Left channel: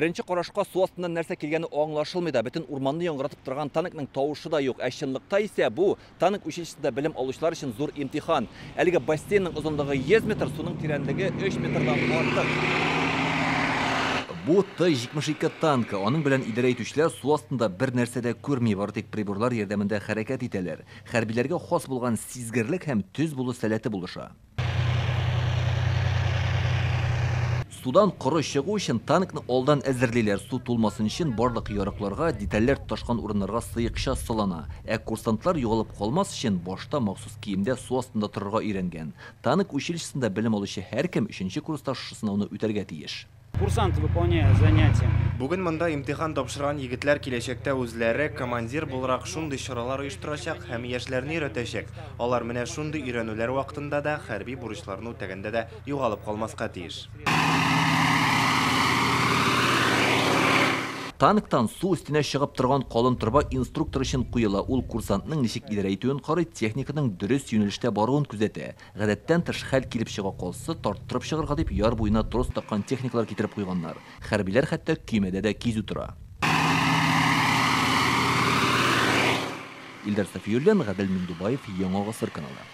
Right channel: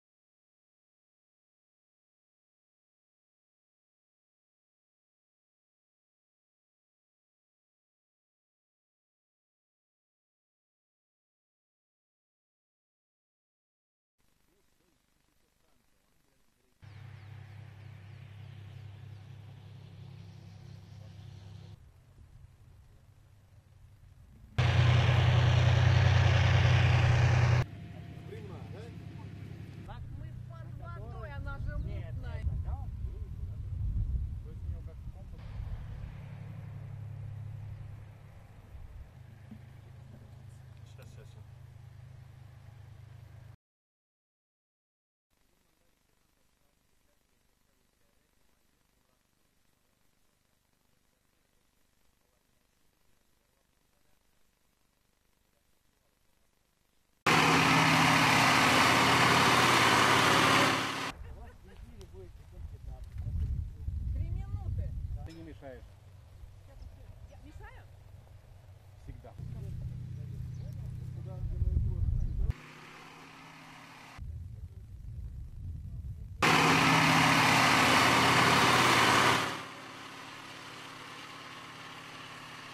Birinchi qarashqa су астынан нәрсә килгәне аңлашылмый да, бөтен урманны яңгыратып торган танкның тавышы да юк. Ә чынлыкта исә бу танк училищесында белем алучылар өчен зур имтихан. Әлеге бассейнның озынлыгы 100 метр, суның тирәнлеге 3 метрдан артык. Бу Т-72 танкы. Аның белән идарә итүчеләр су астында бер нәрсә дә күрми, бары тик приборлар ярдәмендә хәрәкәт итәләр. Хәрбиләргә хас булган сизгерлек һәм төз булу сәләте булыша. Судан коры чыгу өчен танкны алдан әзерлиләр. Су тулмасын өчен барлык ярыкларга, детальләр тоташкан урыннарга сыекча салына. Ә курсантлар югалып калмас өчен башта махсус киемдә су астында торырга өйрәнгән. Танк училищесында белем алучы һәркем 3нче курста шушы сынауны үтәргә тиеш. Курсант выполняет занятия. Бүген монда имтихан тапшырган егетләр киләчәктә үзләре командир буларак шундый чаралар оештырачак һәм яшьләрне өйрәтәчәк. Алар менә шундый өйрәнүләр вакытында да хәрби бурычларны үтәгәндә дә югалып калмаска тиеш. Танктан су өстенә чыгып торган калын торба инструктор өчен куела. Ул курсантның ничек идарә итүен карый, техниканың дөрес юнәлештә баруын күзәтә. Гадәттән тыш хәл килеп чыга калса, тарттырып чыгарга дип яр буена трос таккан техниклар китереп куйганнар. Хәрбиләр хәтта көймәдә дә кизү тора. Илдар Сафиуллин, Гадел Миндубаев, Яңа Гасыр каналы.